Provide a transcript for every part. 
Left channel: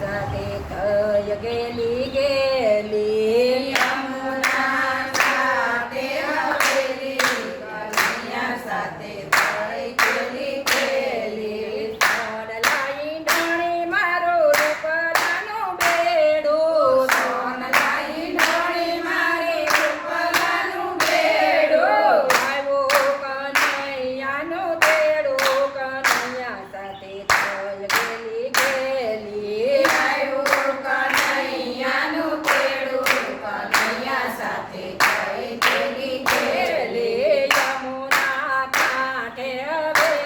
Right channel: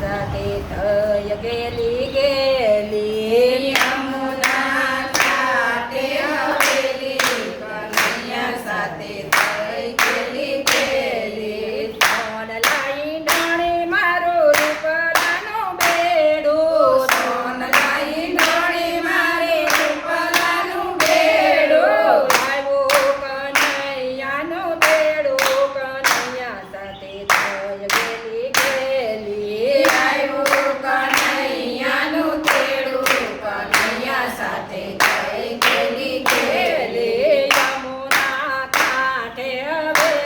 સતે થય ગેલી ગે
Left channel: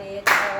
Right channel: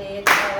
เตโต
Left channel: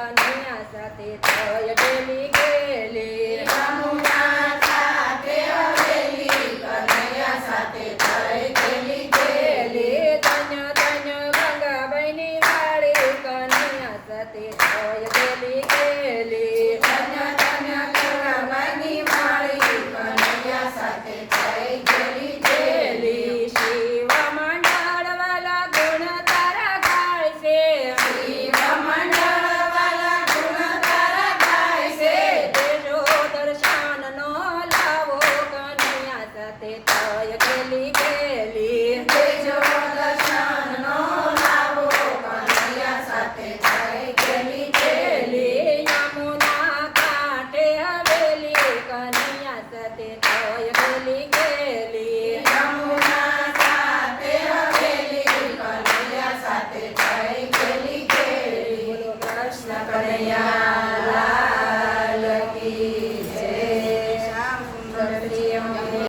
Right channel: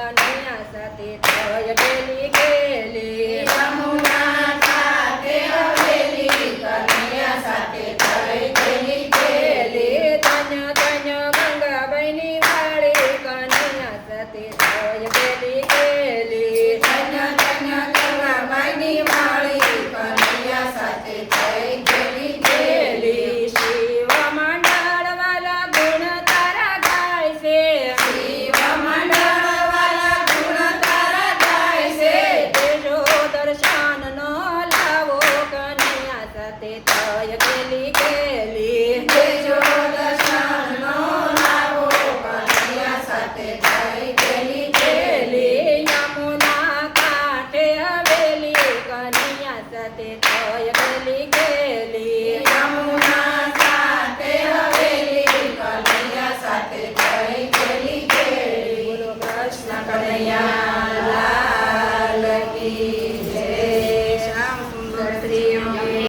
નૈયા સાથે થયેલી ગેલી યમુના સાથે હવેલી કનૈયા સાથે થયેલી ગેલી તન્ય તન્ય ગંગાબાઈની વાળી કનૈયા સાથે થયેલી